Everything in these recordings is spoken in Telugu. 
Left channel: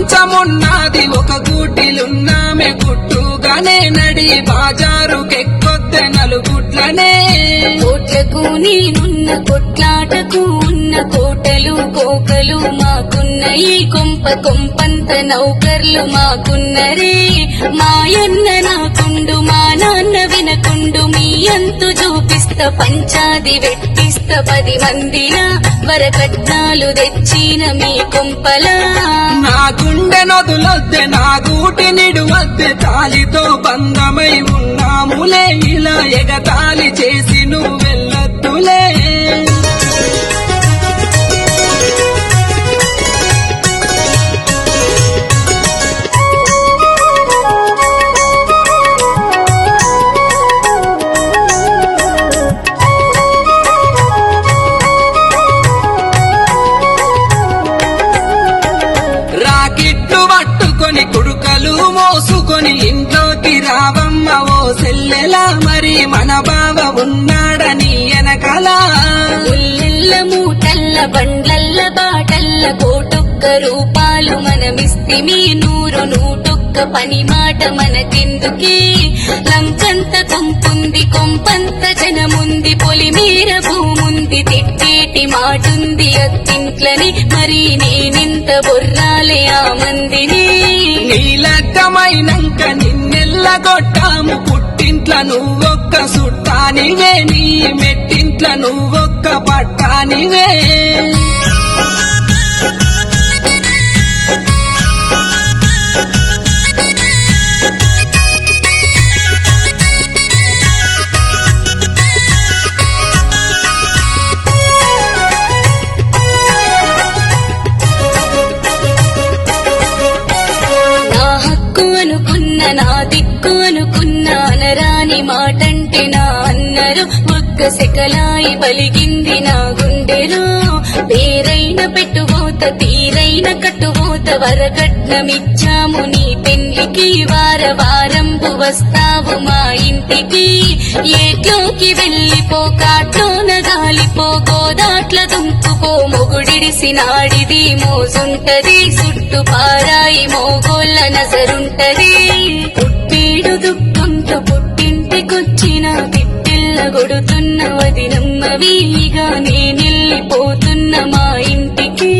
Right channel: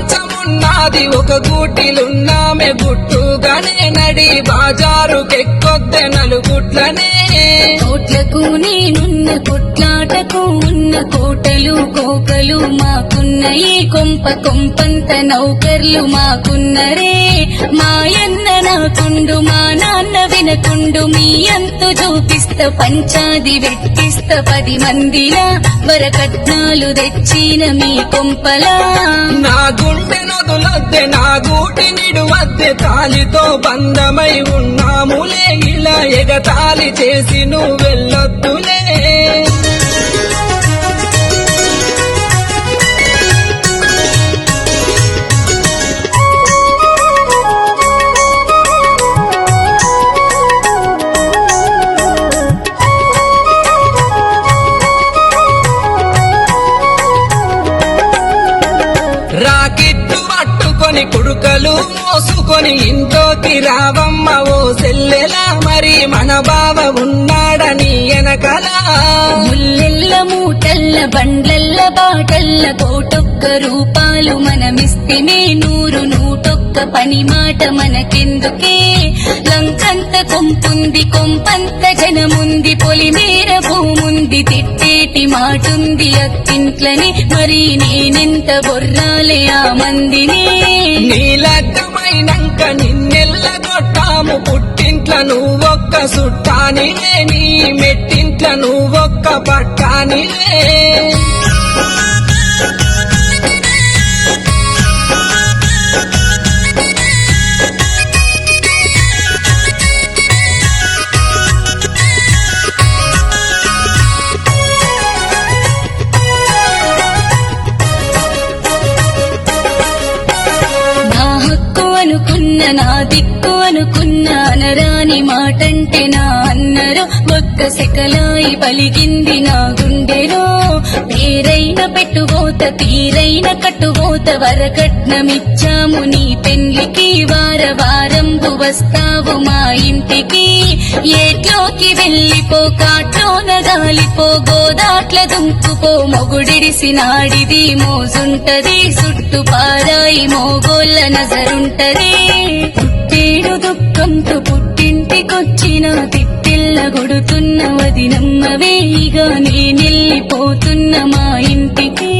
మంచమున్నది ఒక గూటిలున్నామె గుట్టుగానే నడి బాజారుకెక్కొద్దె నలుగుట్లనే కోట్లకు నేనున్న కొట్లాటకు ఉన్న కోటలు కోకలు మాకున్న ఈ కొంప కొంపంత నౌకర్లు మాకున్నరే మాయన్న నాకుండు మా నాన్న వినకుండు మీ అంతు చూపిస్త పంచాది వెట్టిస్త 10 మందిలా వరకట్నాలు తెచ్చిన మీ కొంపలా నా గుండె నొదులొద్దె నా గూటి నిడువద్దె తాలితో బంధమై ఉన్నాములే ఇలా ఎగతాళి చేసి నువ్వెళ్ళొద్దులే రాకిట్లు పట్టుకొని కుడుకలు మోసుకొని ఇంట్లోకి రావమ్మ ఓ సెల్లెలా మరి మన బావ ఉన్నాడని ఎనకల ముల్లెల్ల మూటల్ల బండ్లల్ల బాటల్ల కోటొక్క రూపాలు మనమిస్తిమే 100 పని మాట మనకెందుకే లంకంత కొంపుంది కొంపంత జనముంది పొలిమేర భూముంది తిట్టేటి మాటుంది అత్తింట్లని మరి నేనెంత బొర్రాలే ఆ మందిని నీలగ్గమైనంక నిన్నెల్లగొట్టాము పుట్టింట్ల నువ్వొక్క సుట్టానివే నీ మెట్టింట్ల నువ్వొక్క పట్టానివే నా దిక్కు అనుకున్న అనరాని మాటంటే నా అన్నరు ఒక్క సెకలాయి పలిగింది నా గుండెలో పేరైన పెట్టుబోత తీరైన కట్టుబోత వరకట్నమిచ్చాము నీ పెళ్లికి వారంబు వస్తావు మా ఇంటికి ఏట్లోకి వెళ్ళిపో కాట్లోన గాలిపో గోదాట్ల దుంకుపో మొగుడిడిసినాడిది మోజుంటది చుట్టు పారాయి మోగోళ్ళ నజరుంటది పుట్టేడు దుఃఖంతో పుట్టింటికొచ్చిన తిట్టిల్ల గొడుతున్న వదినమ్మవేగా నేనెళ్ళిపోతున్న మా ఇంటికి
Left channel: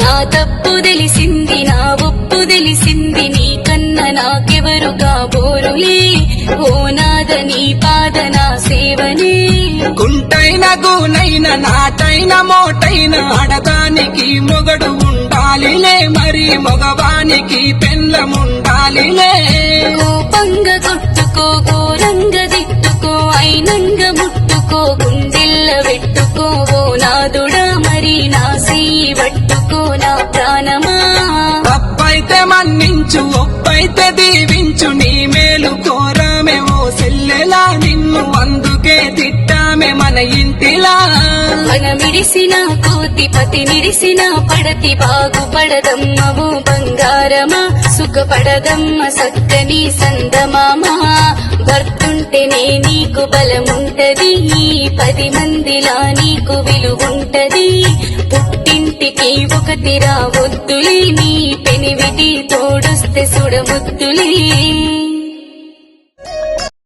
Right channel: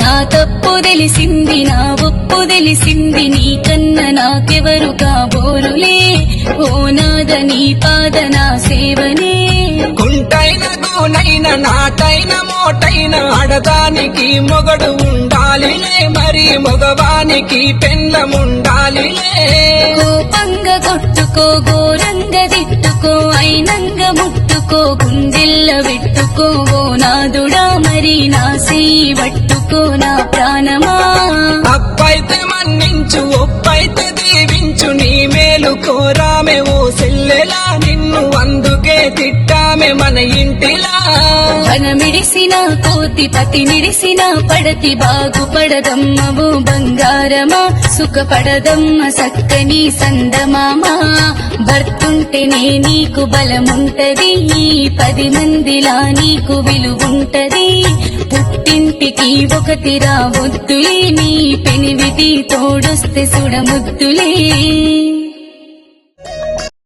నా తప్పు తెలిసింది నా ఒప్పు తెలిసింది నీకన్నా నాకెవరు కాబోరులే ఓ నాద నీ పాద నా సేవనే కుంటైన గూనైన నాటైన మోటైన ఆడదానికి మొగడు ఉండాలిలే మరి మగవానికి పెండ్లముండాలిలే కోపంగా కొట్టుకో ఘోరంగా తిట్టుకో అయినంగా ముట్టుకో గుండెల్ల పెట్టుకో ఓ నాదుడా మరి నా చెయ్యి పట్టుకో నా ప్రాణమా తప్పైతే మన్నించు ఒప్పైతే దీవించు నీ మేలు కోరామే ఓ సెల్లెలా నిన్ను అందుకే తిట్టామే మన ఇంటిలా వనమిడిసిన కోతి పతి మిడిసిన పడతి బాగుపడదమ్మ ఓ బంగారమా సుఖపడదమ్మ సక్కని సందమామా భర్తుంటేనే నీకు బలముంటది ఈ 10 మందిలా నీకు విలువుంటది పుట్టింటికి ఒకటి రావొద్దులే నీ పెనివిటి తోడొస్తే సుడముద్దులే